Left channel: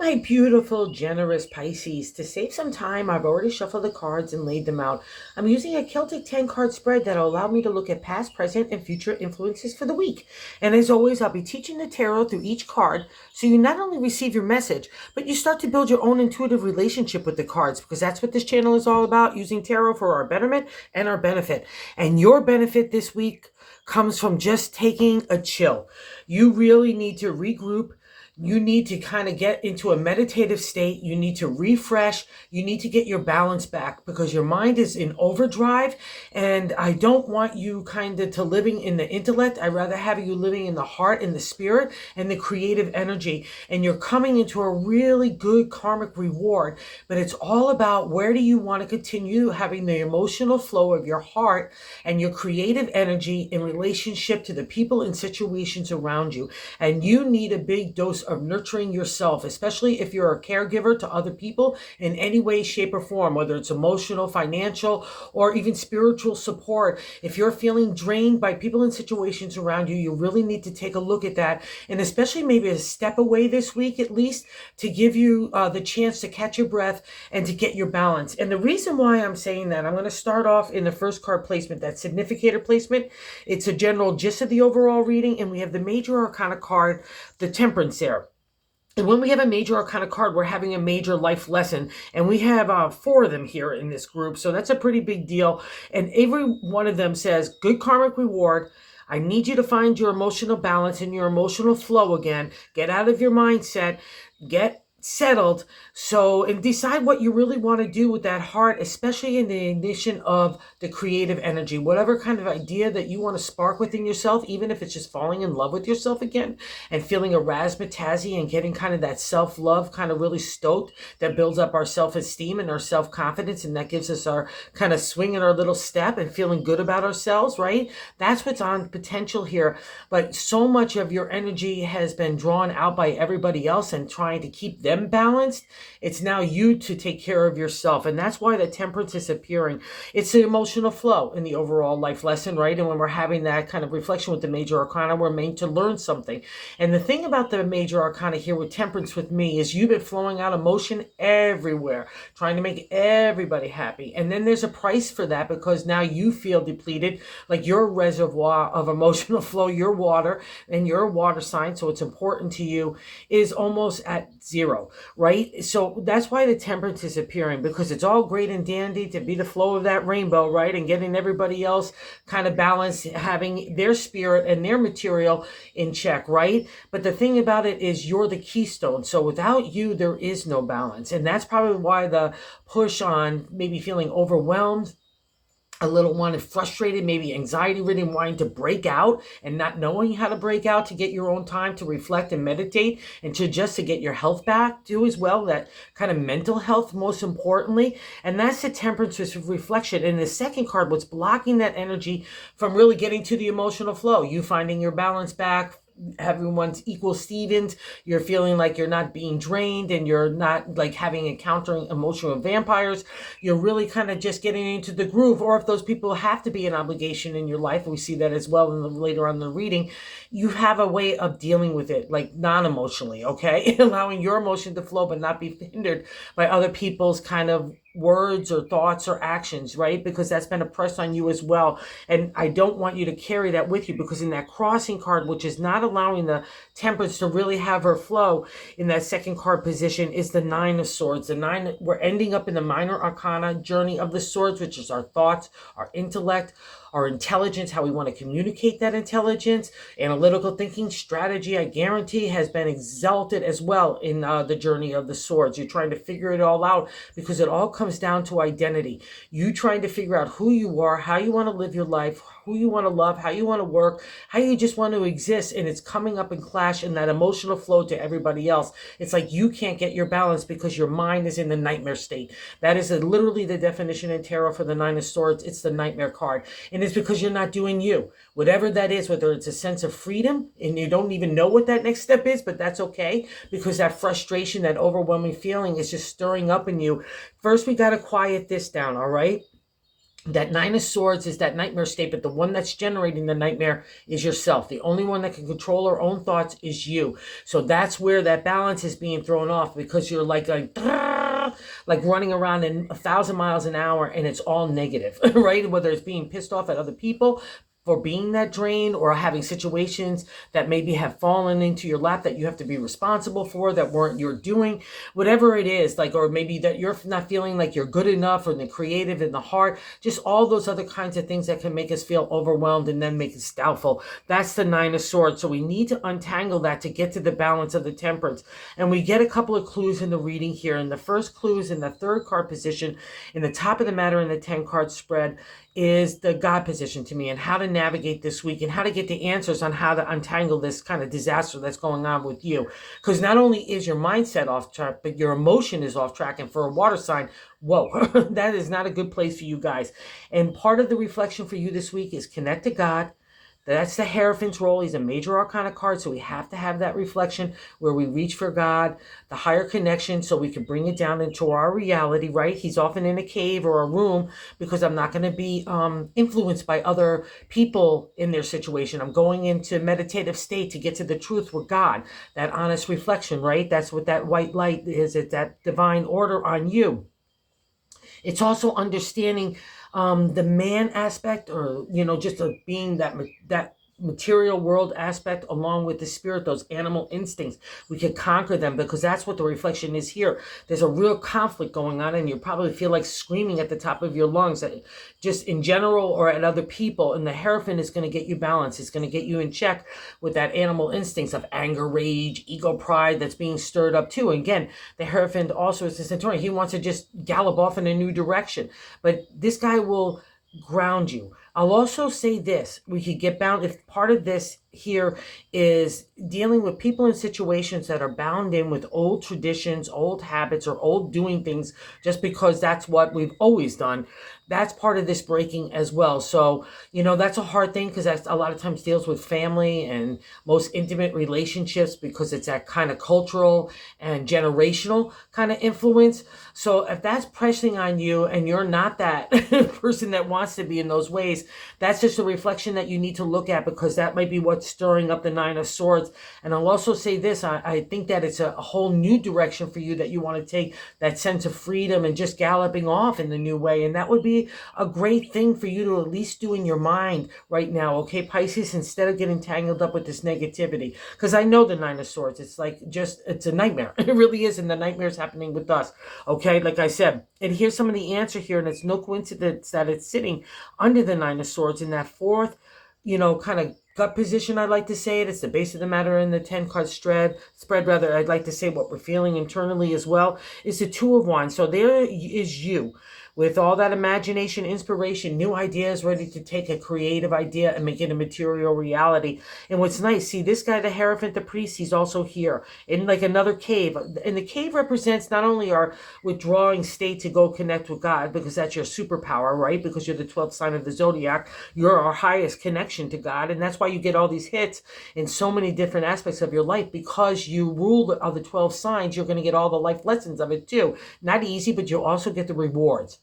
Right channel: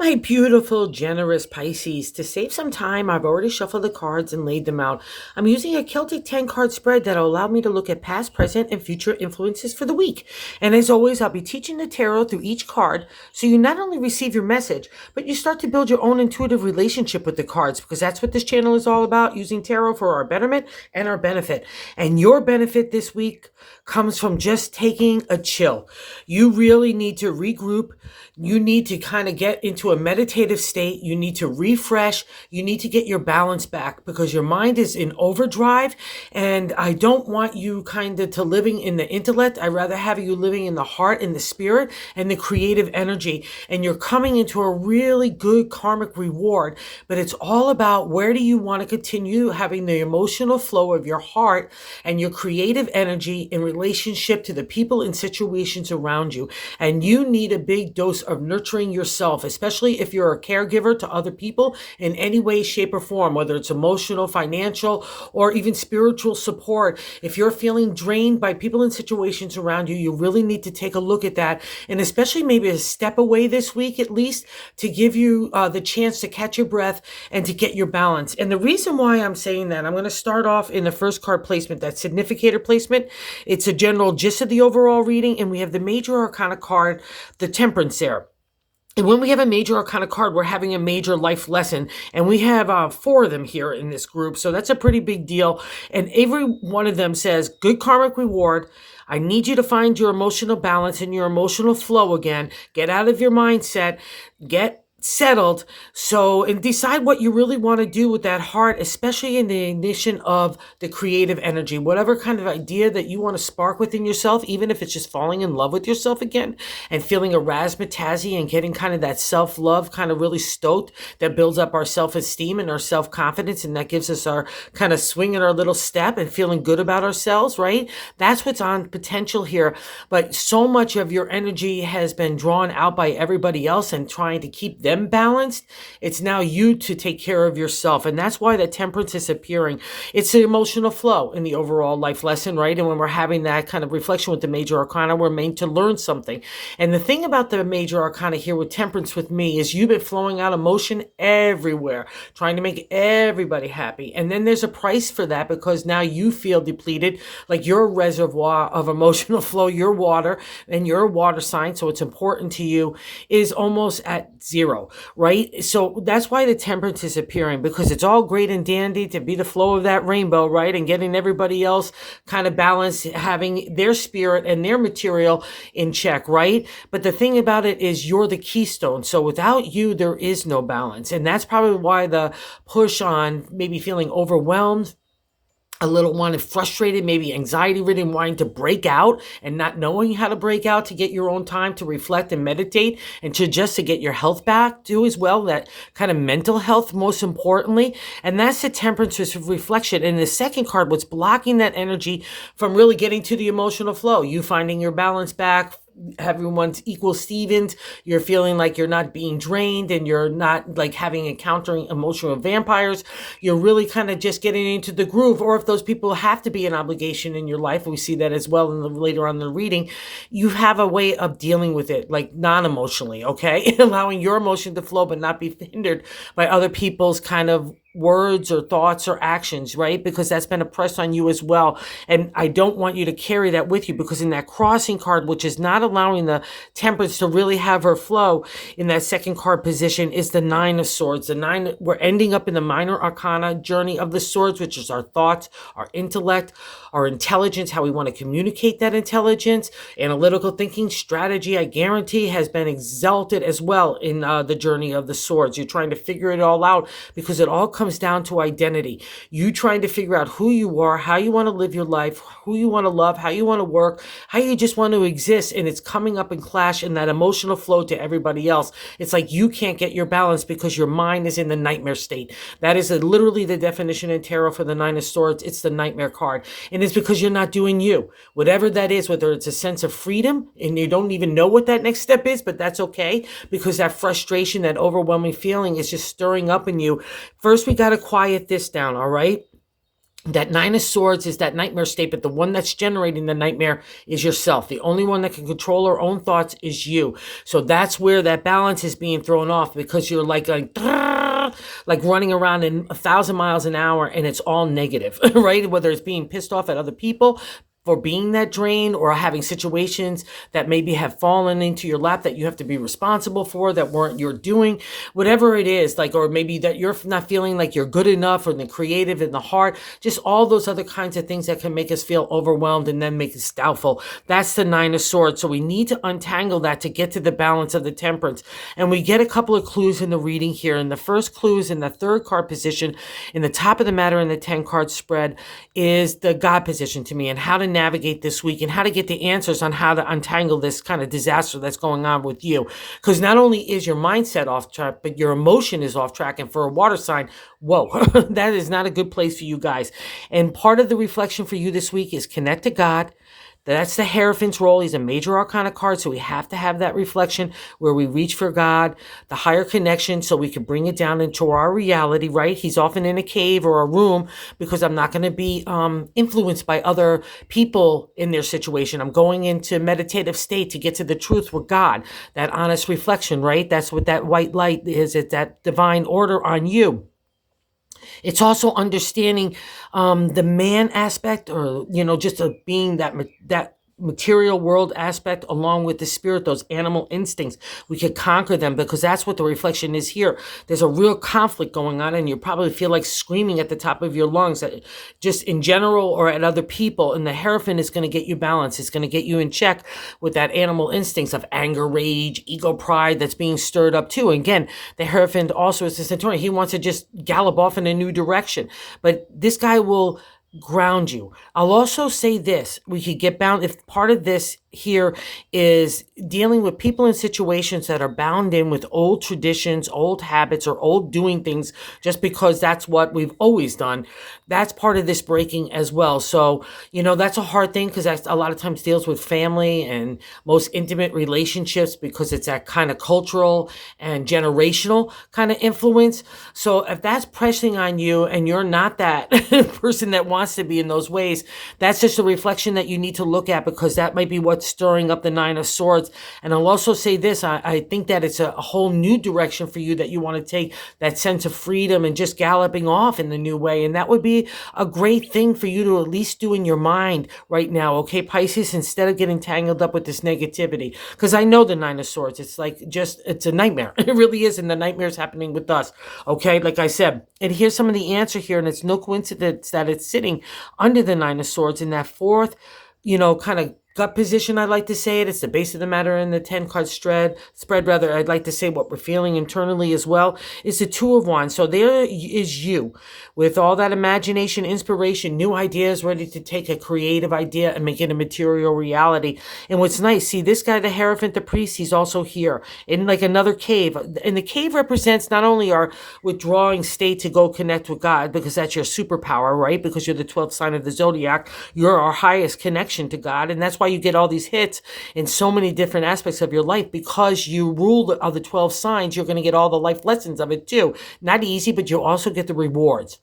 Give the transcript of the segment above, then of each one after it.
My beautiful, generous Pisces, to save some time, I've already shuffled the cards and laid them out. I'm using a Celtic 10 card spread that'll allow me to look at past, present, and future influences for the week. And as always, I'll be teaching the tarot through each card so you not only receive your message, but you start to build your own intuitive relationship with the cards, because that's what this channel is all about, using tarot for our betterment and our benefit. And your benefit this week comes from just taking a chill. You really need to regroup. You need to kind of get into a meditative state. You need to refresh. You need to get your balance back because your mind is in overdrive. And I don't want you kind of to living in the intellect. I'd rather have you living in the heart and the spirit and the creative energy. And you're coming into a really good karmic reward. But it's all about where do you want to continue having the emotional flow of your heart and your creative energy in relationship to the people and situations around you. And you need a big dose of nurturing yourself, especially if you're a caregiver to other people in any way, shape, or form, whether it's emotional, financial, or even spiritual support. If you're feeling drained by people and situations around you, you really need to take a look at that. And especially maybe a step away this week, at least, to give you the chance to catch your breath and to get your balance. And the reason why I'm saying that, I'm going to start off in the first card placement, that significator placement. It's a general gist of the overall reading, and we have the major arcana card, the Temperance there. And when we have a major arcana card, we're having a major life lesson. And we have 4 of them here in this group. So that's a pretty big deal. And every one of them says, good karmic reward. I need you to find your emotional balance and your emotional flow again. Get out of your mindset. Get settled. And decide what you really want to do with that heart, especially in the ignition of the creative energy, whatever kind of idea that you want to spark within yourself, even if it's just falling in love with yourself again and feeling a razzmatazzy and getting kind of that self-love kind of really stoked, that builds up our self-esteem and our self-confidence, and that gives us our kind of swing in our little step and feeling good about ourselves, right? That's what's on potential here. But so much of your energy has been drawn out by everybody else and trying to keep them balanced. It's now you to take care of yourself. And that's why the Temperance is appearing. It's the emotional flow in the overall life lesson, right? And when we're having that kind of reflection with the major arcana, we're meant to learn something. And the thing about the major arcana here with Temperance with me is you've been flowing out emotion everywhere, trying to make everybody happy. And then there's a price for that because now you feel depleted, like your reservoir of emotional flow, your water, and your water sign, so it's important to you, is almost at zero, right? So that's why the Temperance is appearing, because it's all great and dandy to be the flow of that rainbow, right? And getting everybody else kind of balanced, having their spirit and their material in check, right? But the thing about it is you're the keystone. So without you, there is no balance. And that's probably why the push on maybe feeling overwhelmed, a little one frustrated, maybe anxiety ridden, wanting to break out and not knowing how to break out, to get your own time to reflect and meditate and to just to get your health back too as well, that kind of mental health most importantly. And that's the Temperance reflection. And the second card, what's blocking that energy from really getting to the emotional flow, you finding your balance back, everyone's equal Stevens, you're feeling like you're not being drained and you're not like encountering emotional vampires. You're really kind of just getting into the groove. Or if those people have to be an obligation in your life, we see that as well later on in the reading, you have a way of dealing with it, like non-emotionally, okay? Allowing your emotion to flow but not be hindered by other people's kind of words or thoughts or actions, right? Because that's been oppressed on you as well. And I don't want you to carry that with you, because in that crossing card, which is not allowing the Temperance to really have her flow in that second card position, is the Nine of Swords. The nine, we're ending up in the minor arcana journey of the swords, which is our thoughts, our intellect, our intelligence, how we want to communicate that intelligence, analytical thinking, strategy, I guarantee has been exalted as well in the journey of the swords. You're trying to figure it all out because it all comes down to identity. You trying to figure out who you are, how you want to live your life, who you want to love, how you want to work, how you just want to exist. And it's coming up in clash in that emotional flow to everybody else. It's like you can't get your balance because your mind is in the nightmare state. That is literally the definition in tarot for the Nine of Swords. It's the nightmare card. And it's because you're not doing you. Whatever that is, whether it's a sense of freedom and you don't even know what that next step is, but that's okay, because that frustration, that overwhelming feeling is just stirring up in you. First, we got to quiet this down, all right? That Nine of Swords is that nightmare state, but the one that's generating the nightmare is yourself. The only one that can control our own thoughts is you. So that's where that balance is being thrown off, because you're like running around in 1,000 miles an hour, and it's all negative, right? Whether it's being pissed off at other people for being that drain, or having situations that maybe have fallen into your lap that you have to be responsible for, that weren't your doing, whatever it is, like, or maybe that you're not feeling like you're good enough, or the creative in the heart, just all those other kinds of things that can make us feel overwhelmed and then make us doubtful. That's the Nine of Swords. So we need to untangle that to get to the balance of the Temperance. And we get a couple of clues in the reading here. And the first clue is in the third card position, in the top of the matter in the 10 card spread, is the God position to me, and how to navigate this week, and how to get the answers on how to untangle this kind of disaster that's going on with you. Because not only is your mindset off track, but your emotion is off track. And for a water sign, whoa, that is not a good place for you guys. And part of the reflection for you this week is connect to God. That's the Hierophant's role. He's a major arcana card, so we have to have that reflection where we reach for God, the higher connection, so we can bring it down into our reality, right? He's often in a cave or a room, because I'm not going to be influenced by other people in their situation. I'm going into meditative state to get to the truth with God, that honest reflection, right? That's what that white light is. It's that divine order on you. It's also understanding the man aspect, or just being that material world aspect, along with the spirit, those animal instincts. We could conquer them, because that's what the reflection is here. There's a real conflict going on, and you probably feel like screaming at the top of your lungs, just in general or at other people. And the Hierophant is going to get you balanced. It's going to get you in check with that animal instincts of anger, rage, ego, pride that's being stirred up too. And again, the Hierophant also is the Centurion. He wants to just gallop off in a new direction. But this guy will ground you. I'll also say this, we could get bound, if part of this here is dealing with people in situations that are bound in with old traditions, old habits, or old doing things just because that's what we've always done. That's part of this breaking as well. So, that's a hard thing, because that a lot of times deals with family and most intimate relationships, because it's that kind of cultural and generational kind of influence. So if that's pressing on you and you're not that person that wants to be in those ways, that's just a reflection that you need to look at, because that might be what's stirring up the Nine of Swords. And I'll also say this, I think that it's a whole new direction for you that you want to take, that sense of freedom and just galloping off in the new way. And that would be a great thing for you to at least do in your mind right now, okay, Pisces, instead of getting tangled up with this negativity. Because I know the Nine of Swords, it's it's a nightmare. It really is, and the nightmare is happening with us, okay, like I said. And here's some of the answer here, and it's no coincidence that it's sitting under the Nine of Swords in that fourth, kind of gut position. I'd like to say it's the base of the matter in the 10 card spread. I'd like to say what we're feeling internally as well is the Two of Wands. So there is you with all that imagination, inspiration, new ideas, ready to take a creative idea and make it a material reality. And what's nice, see this guy, the Hierophant, the priest, he's also here in like another cave. And the cave represents not only our withdrawing state to go connect with God, because that's your superpower, right? Because you're the 12th sign of the zodiac. You're our highest connection to God. And that's why you get all these hits in so many different aspects of your life, because you rule the other 12 signs. You're going to get all the life lessons of it too. Not easy, but you also get the rewards.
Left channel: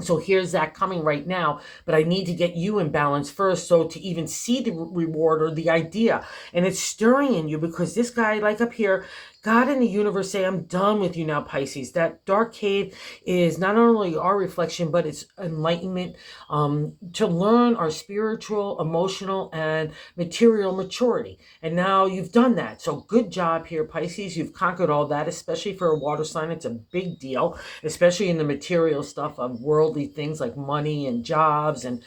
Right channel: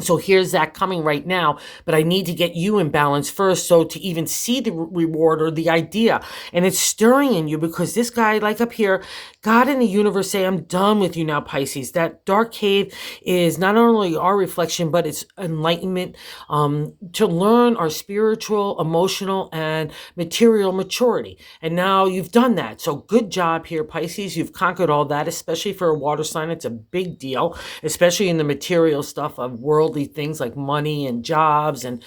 So here's that coming right now, but I need to get you in balance first, so to even see the reward or the idea. And it's stirring in you, because this guy, like up here, God and the universe say, I'm done with you now, Pisces. That dark cave is not only our reflection, but it's enlightenment, to learn our spiritual, emotional, and material maturity. And now you've done that. So good job here, Pisces. You've conquered all that, especially for a water sign. It's a big deal, especially in the material stuff of worldly things like money and jobs and,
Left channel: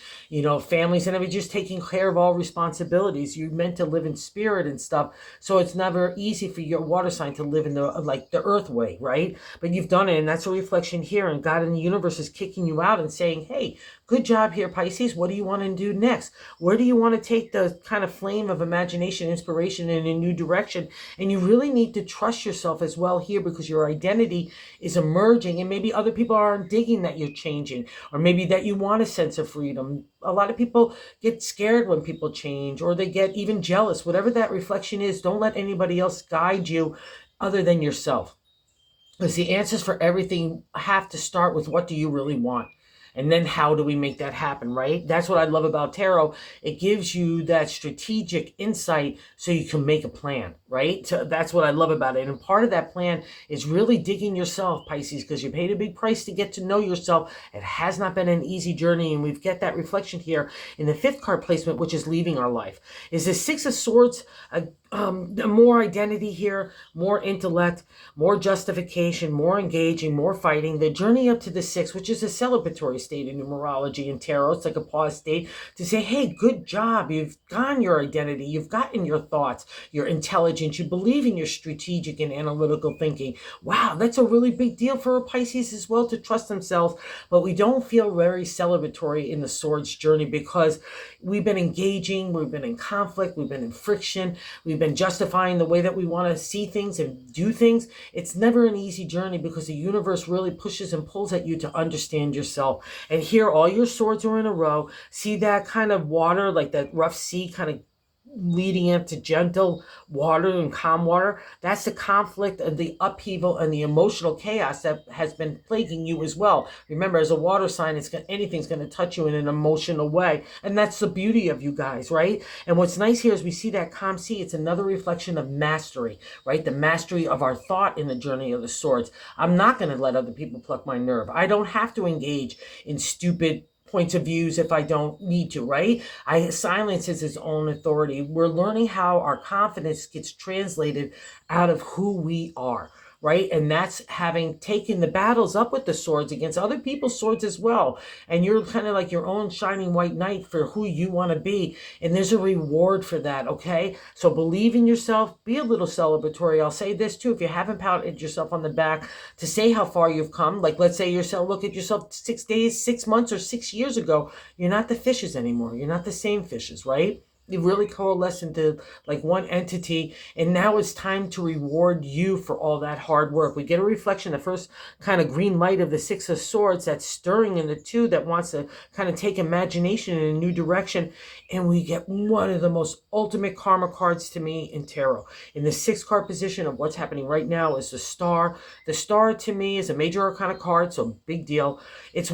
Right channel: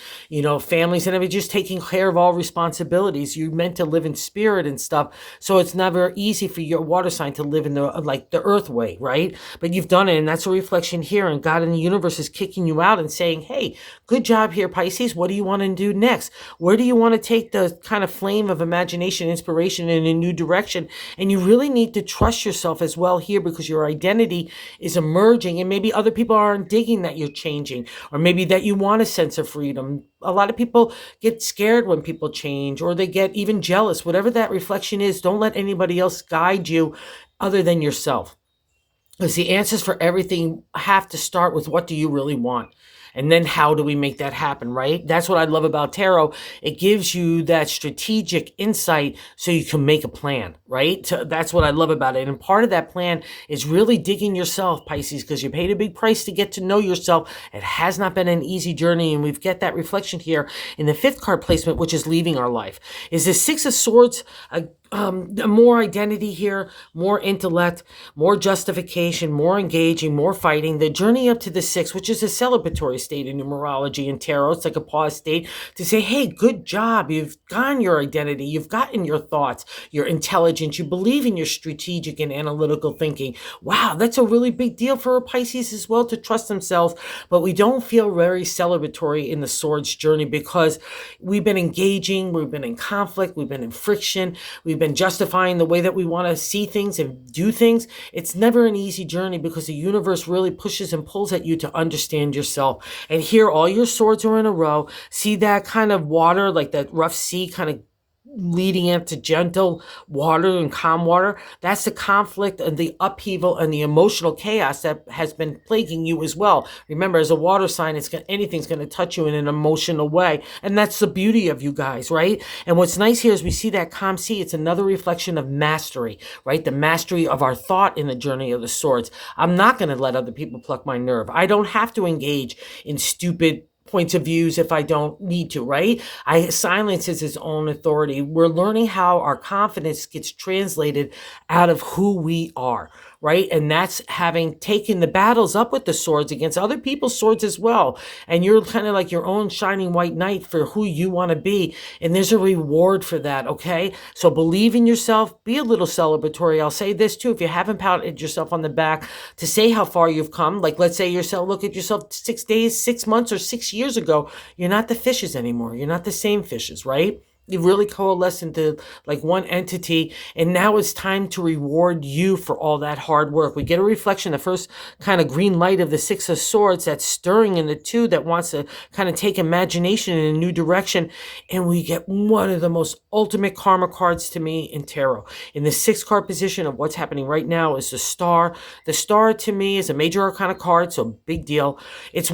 families and everything, just taking care of all responsibilities. You're meant to live in spirit and stuff. So it's never easy for your water sign to live in the earth way, right? But you've done it, and that's a reflection here. And God in the universe is kicking you out and saying, hey, good job here, Pisces. What do you want to do next? Where do you want to take the kind of flame of imagination, inspiration in a new direction? And you really need to trust yourself as well here, because your identity is emerging, and maybe other people aren't digging that you're changing, or maybe that you want a sense of freedom. A lot of people get scared when people change, or they get even jealous. Whatever that reflection is, don't let anybody else guide you other than yourself. Because the answers for everything have to start with, what do you really want? And then how do we make that happen, right? That's what I love about tarot. It gives you that strategic insight so you can make a plan, right? So that's what I love about it. And part of that plan is really digging yourself, Pisces, because you paid a big price to get to know yourself. It has not been an easy journey, and we've got that reflection here in the fifth card placement, which is leaving our life. Is the Six of Swords more identity here, more intellect, more justification, more engaging, more fighting. The journey up to the six, which is a celebratory state in numerology and tarot. It's like a pause state to say, hey, good job. You've gotten your identity. You've gotten your thoughts, your intelligence. You believe in your strategic and analytical thinking. Wow, that's a really big deal for a Pisces as well, to trust themselves. But we don't feel very celebratory in the Swords journey because we've been engaging, we've been in conflict, we've been in friction, we've been justifying the way that we want to see things and do things. It's never an easy journey because the universe really pushes and pulls at you to understand yourself. And here, all your swords are in a row. See that kind of water, like that rough sea kind of leading into gentle water and calm water. That's the conflict and the upheaval and the emotional chaos that has been plaguing you as well. Remember, as a water sign, anything's going to touch you in an emotional way. And that's the beauty of you guys, right? And what's nice here is we see that calm sea. It's another reflection of mastery, right? The mastery of our thought in the journey of the swords. I'm not going to let other people pluck my nerve. I don't have to engage in stupid points of views if I don't need to, right? Silence is its own authority. We're learning how our confidence gets translated out of who we are, right? And that's having taken the battles up with the swords against other people's swords as well. And you're kind of like your own shining white knight for who you want to be. And there's a reward for that, okay? So believe in yourself, be a little celebratory. I'll say this too, if you haven't patted yourself on the back to say how far you've come, like let's say yourself, look at yourself 6 days, 6 months, or 6 years ago, you're not the fishes anymore. You're not the same fishes, right? You really coalesce into like one entity, and now it's time to reward you for all that hard work. We get a reflection, the first kind of green light of the Six of Swords that's stirring in the two that wants to kind of take imagination in a new direction, and we get one of the most ultimate karma cards to me in tarot. In the 6th card position of what's happening right now is the Star. The Star to me is a major arcana card, so big deal. It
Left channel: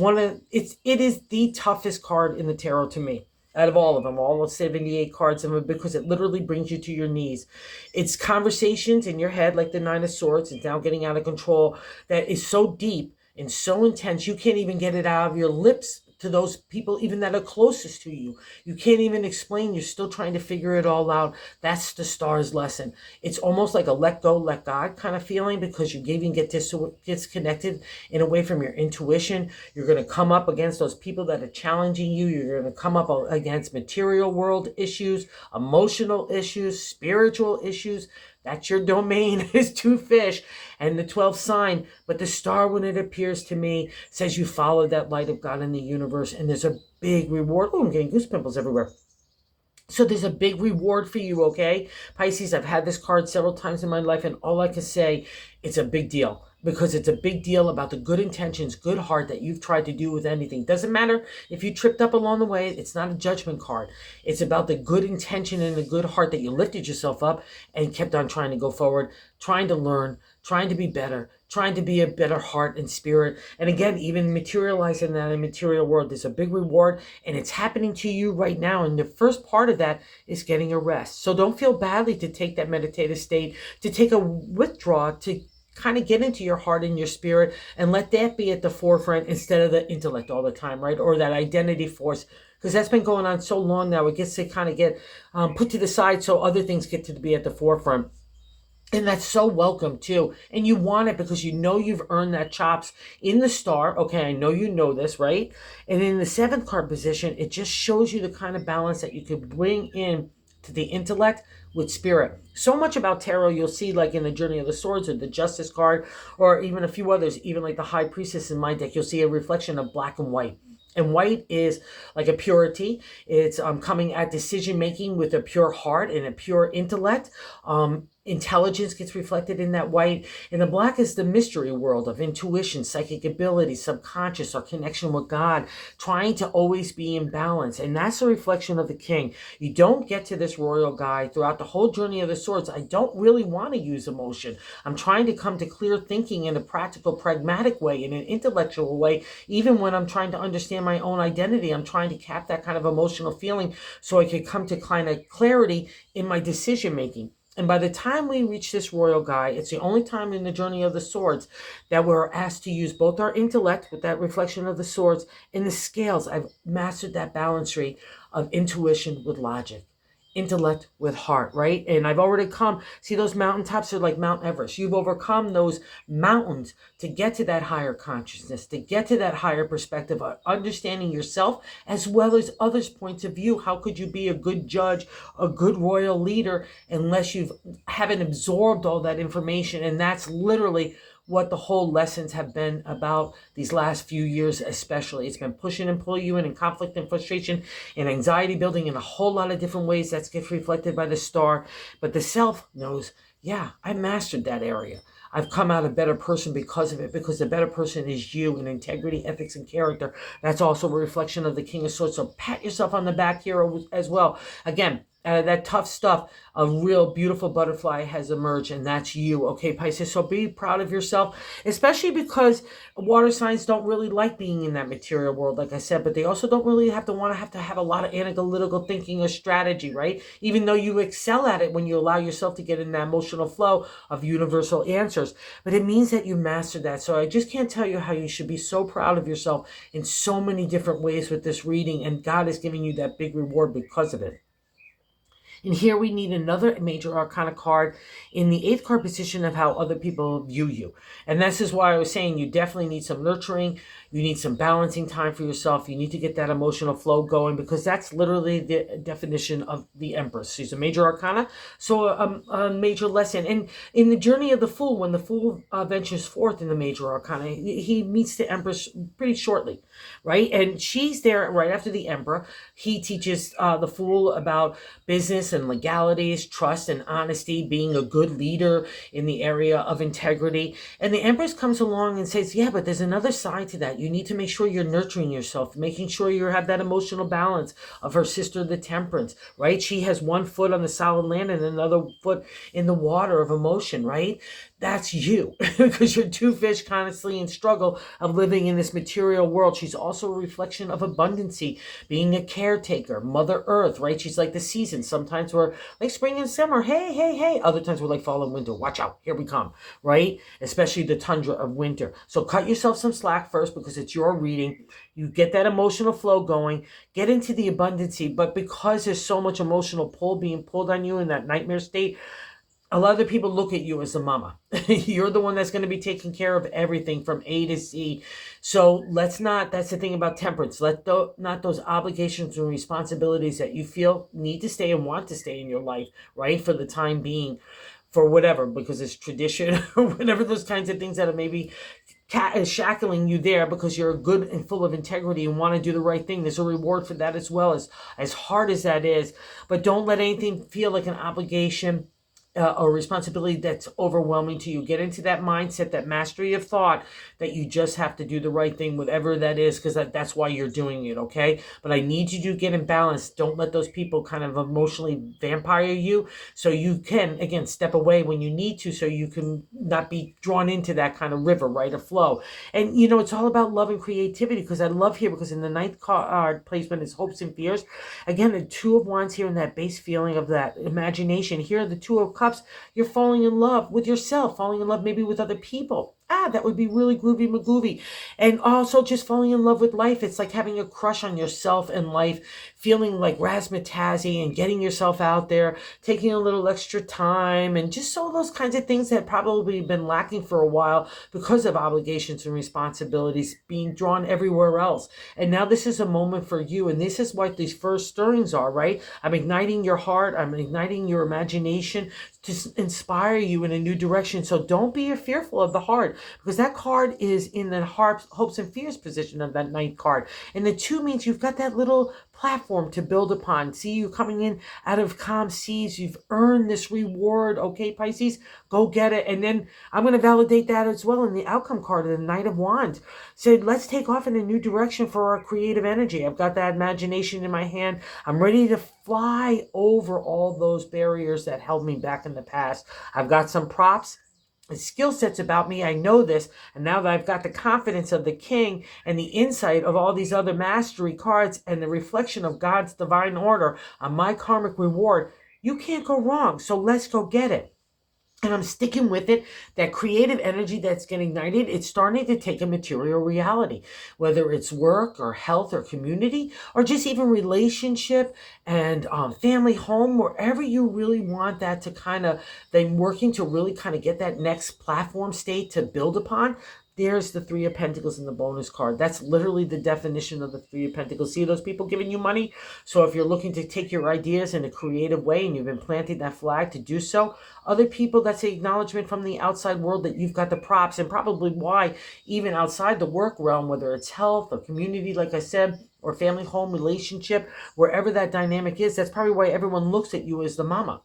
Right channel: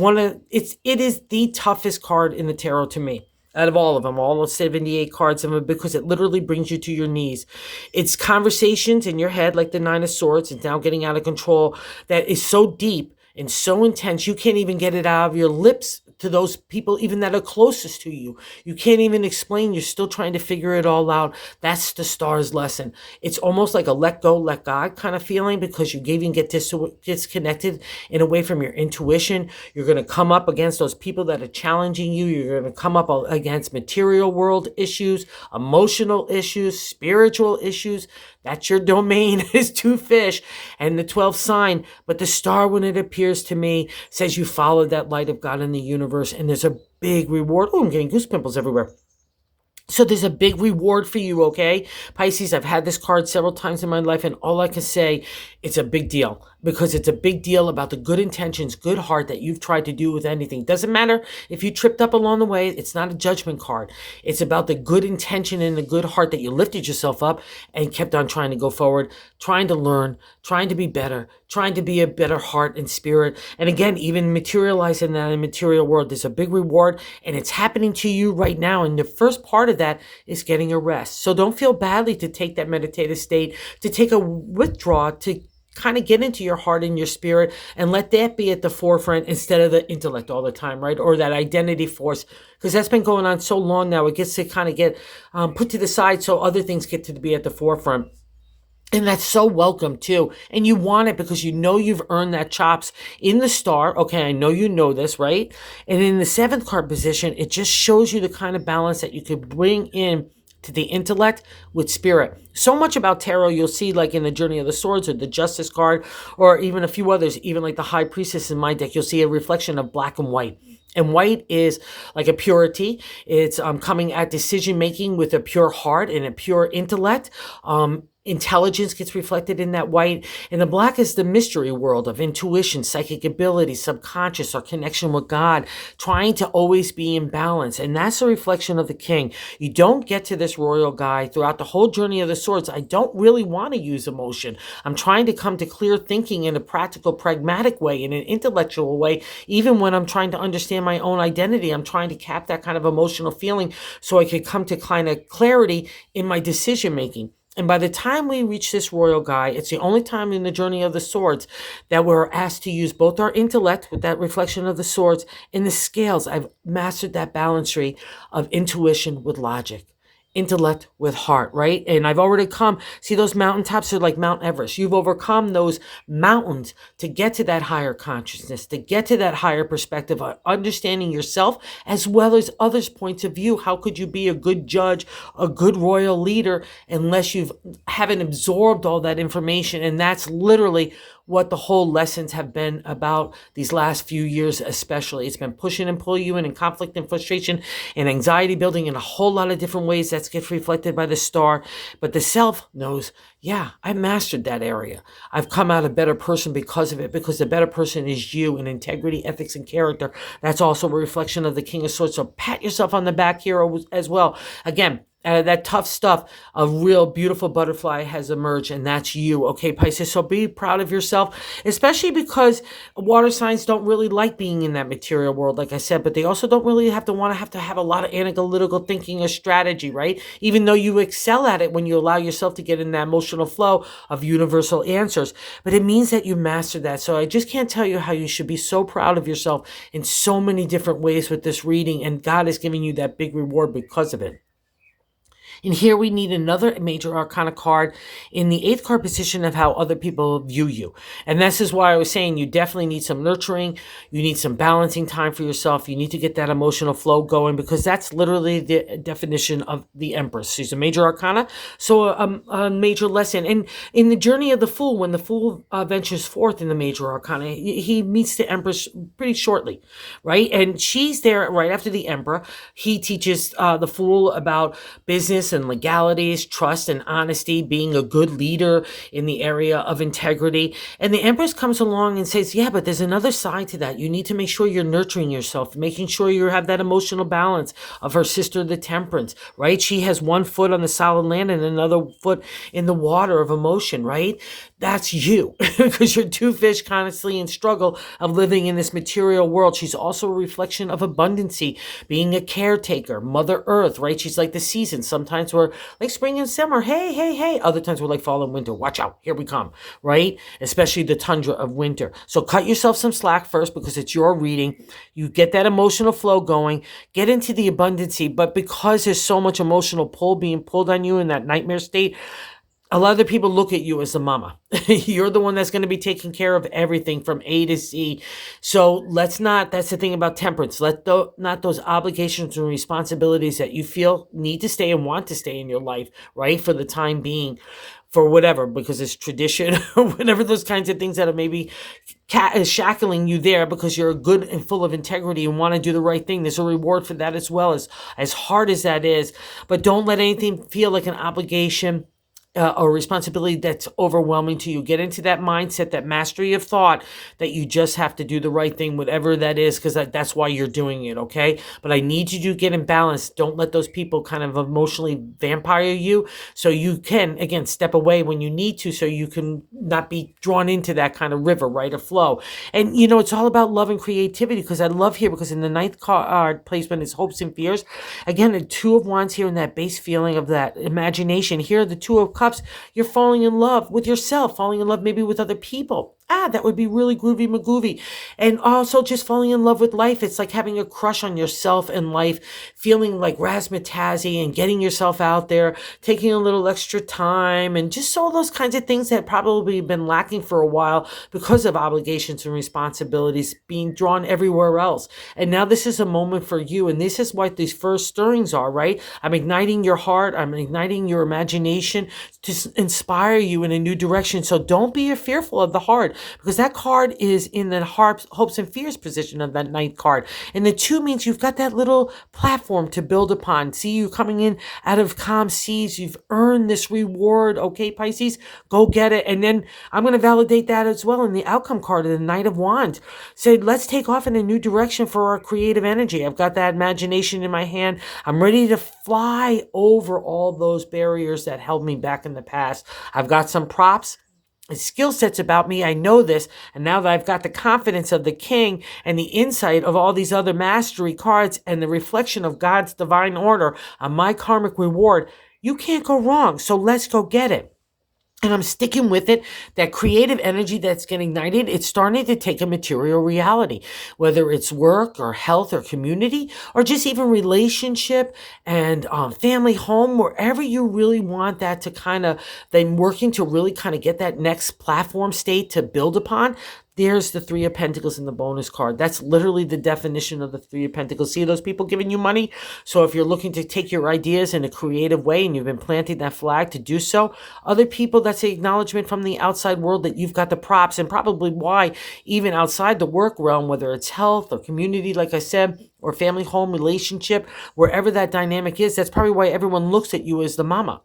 is the toughest card in the tarot to me, out of all of them, all 78 cards of them, because it literally brings you to your knees. It's conversations in your head, like the Nine of Swords, and now getting out of control, that is so deep and so intense, you can't even get it out of your lips to those people even that are closest to you. You can't even explain. You're still trying to figure it all out. That's the Star's lesson. It's almost like a let go, let God kind of feeling, because you even get disconnected in a way from your intuition. You're going to come up against those people that are challenging you. You're going to come up against material world issues, emotional issues, spiritual issues. That's your domain, is two fish and the 12th sign. But the Star, when it appears to me, says you follow that light of God in the universe, and there's a big reward. Oh, I'm getting goose pimples everywhere. So there's a big reward for you, okay? Pisces, I've had this card several times in my life, and all I can say, it's a big deal, because it's a big deal about the good intentions, good heart that you've tried to do with anything. Doesn't matter if you tripped up along the way. It's not a judgment card. It's about the good intention and the good heart that you lifted yourself up and kept on trying to go forward, trying to learn, trying to be better, trying to be a better heart and spirit. And again, even materializing that in the material world, there's a big reward, and it's happening to you right now. And the first part of that is getting a rest. So don't feel badly to take that meditative state, to take a withdrawal, to kind of get into your heart and your spirit, and let that be at the forefront instead of the intellect all the time, right? Or that identity force, because that's been going on so long now. It gets to kind of get put to the side so other things get to be at the forefront. And that's so welcome too. And you want it because you know you've earned that chops in the Star. Okay, I know you know this, right? And in the 7th card position, it just shows you the kind of balance that you could bring in to the intellect with spirit. So much about tarot you'll see, like in the Journey of the Swords or the Justice card, or even a few others, even like the High Priestess in my deck, you'll see a reflection of black and white. And white is like a purity. It's coming at decision making with a pure heart and a pure intellect. intelligence gets reflected in that white, and the black is the mystery world of intuition, psychic ability, subconscious, or connection with God, trying to always be in balance. And that's a reflection of the king. You don't get to this royal guy throughout the whole journey of the swords. I don't really want to use emotion. I'm trying to come to clear thinking in a practical, pragmatic way, in an intellectual way. Even when I'm trying to understand my own identity, I'm trying to cap that kind of emotional feeling so I could come to kind of clarity in my decision making. And by the time we reach this royal guy, it's the only time in the journey of the swords that we're asked to use both our intellect with that reflection of the swords and the scales. I've mastered that balancery of intuition with logic, intellect with heart, right? And I've already come, see, those mountaintops are like Mount Everest. You've overcome those mountains to get to that higher consciousness, to get to that higher perspective of understanding yourself as well as others' points of view. How could you be a good judge, a good royal leader, unless you haven't absorbed all that information? And that's literally what the whole lessons have been about these last few years, especially. It's been pushing and pulling you in conflict and frustration and anxiety building in a whole lot of different ways. That gets reflected by the star. But the self knows, yeah, I mastered that area. I've come out a better person because of it, because the better person is you in integrity, ethics, and character. That's also a reflection of the King of Swords. So pat yourself on the back here as well. Again, that tough stuff, a real beautiful butterfly has emerged, and that's you, okay, Pisces? So be proud of yourself, especially because water signs don't really like being in that material world, like I said, but they also don't really have to have a lot of analytical thinking or strategy, right? Even though you excel at it when you allow yourself to get in that emotional flow of universal answers. But it means that you mastered that. So I just can't tell you how you should be so proud of yourself in so many different ways with this reading, and God is giving you that big reward because of it. And here we need another major arcana card in the 8th card position of how other people view you. And this is why I was saying you definitely need some nurturing. You need some balancing time for yourself. You need to get that emotional flow going, because that's literally the definition of the Empress. She's a major arcana, so a major lesson. And in the journey of the Fool, when the Fool ventures forth in the major arcana, he meets the Empress pretty shortly, right? And she's there right after the Emperor. He teaches the Fool about business and legalities, trust and honesty, being a good leader in the area of integrity. And the Empress comes along and says, yeah, but there's another side to that. You need to make sure you're nurturing yourself, making sure you have that emotional balance of her sister, the Temperance, right? She has one foot on the solid land and another foot in the water of emotion, right? That's you, because you're two fish constantly in struggle of living in this material world. She's also a reflection of abundancy, being a caretaker, Mother Earth, right? She's like the seasons. Sometimes we're like spring and summer, hey, hey, hey. Other times we're like fall and winter, watch out, here we come, right? Especially the tundra of winter. So cut yourself some slack first, because it's your reading. You get that emotional flow going, get into the abundancy, but because there's so much emotional pull being pulled on you in that nightmare state, a lot of the people look at you as the mama. You're the one that's going to be taking care of everything from A to Z. So let's not, that's the thing about Temperance. Not those obligations and responsibilities that you feel need to stay and want to stay in your life, right? For the time being, for whatever, because it's tradition or whatever, those kinds of things that are maybe shackling you there because you're good and full of integrity and want to do the right thing. There's a reward for that as well, as hard as that is. But don't let anything feel like an obligation or responsibility that's overwhelming to you. Get into that mindset, that mastery of thought, that you just have to do the right thing, whatever that is, because that's why you're doing it, okay? But I need you to get in balance. Don't let those people kind of emotionally vampire you, so you can, again, step away when you need to, so you can not be drawn into that kind of river, right, or flow. And, you know, it's all about love and creativity, because I love here, because in the 9th card placement is hopes and fears. Again, the 2 of Wands here in that base feeling of that imagination. Here, the 2 of Cups, you're falling in love with yourself, falling in love maybe with other people. That would be really groovy magoovy. And also just falling in love with life. It's like having a crush on yourself and life, feeling like razzmatazzy and getting yourself out there, taking a little extra time, and just all those kinds of things that probably been lacking for a while because of obligations and responsibilities being drawn everywhere else. And now this is a moment for you. And this is what these first stirrings are, right? I'm igniting your heart. I'm igniting your imagination to inspire you in a new direction. So don't be fearful of the heart. because that card is in the hopes and fears position of that ninth card. And the 2 means you've got that little platform to build upon. See, you coming in out of calm seas. You've earned this reward. Okay, Pisces, go get it. And then I'm going to validate that as well in the outcome card of the Knight of Wands. Said, let's take off in a new direction for our creative energy. I've got that imagination in my hand. I'm ready to fly over all those barriers that held me back in the past. I've got some props and skill sets about me. I know this. And now that I've got the confidence of the king and the insight of all these other mastery cards and the reflection of God's divine order on my karmic reward, you can't go wrong. So let's go get it. And I'm sticking with it. That creative energy that's getting ignited, it's starting to take a material reality, whether it's work or health or community, or just even relationship and family, home, wherever you really want that to kind of, then working to really kind of get that next platform state to build upon. There's the Three of Pentacles in the bonus card. That's literally the definition of the Three of Pentacles. See those people giving you money? So if you're looking to take your ideas in a creative way and you've been planting that flag to do so, other people, that's the acknowledgement from the outside world that you've got the props, and probably why even outside the work realm, whether it's health or community, like I said, or family, home, relationship, wherever that dynamic is, that's probably why everyone looks at you as the mama.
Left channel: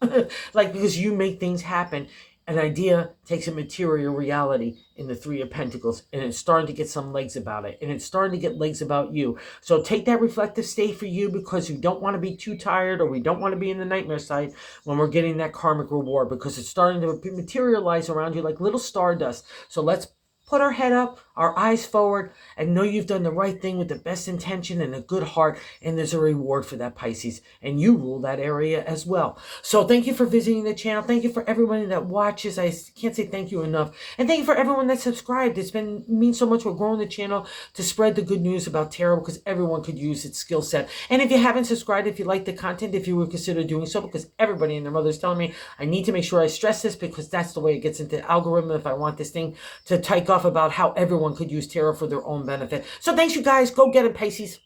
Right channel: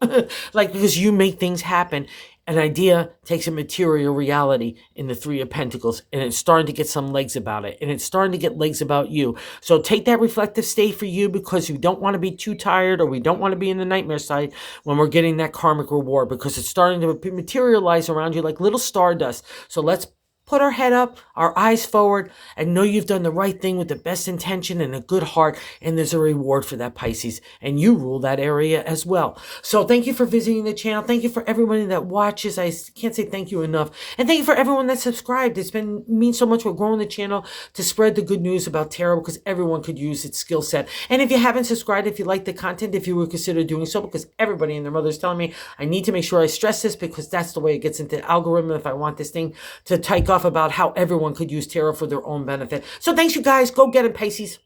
Like, because you make things happen. An idea takes a material reality in the Three of Pentacles, and it's starting to get some legs about it, and it's starting to get legs about you. So take that reflective state for you, because you don't want to be too tired, or we don't want to be in the nightmare side when we're getting that karmic reward, because it's starting to materialize around you like little stardust. So let's put our head up, our eyes forward, and know you've done the right thing with the best intention and a good heart, and there's a reward for that, Pisces, and you rule that area as well. So thank you for visiting the channel. Thank you for everybody that watches. I can't say thank you enough. And thank you for everyone that subscribed. It's been means so much for growing the channel to spread the good news about tarot, because everyone could use its skill set. And if you haven't subscribed, if you like the content, if you would consider doing so, because everybody and their mother is telling me I need to make sure I stress this, because that's the way it gets into the algorithm if I want this thing to take off about how everyone could use tarot for their own benefit. So thanks, you guys. Go get it, Pisces.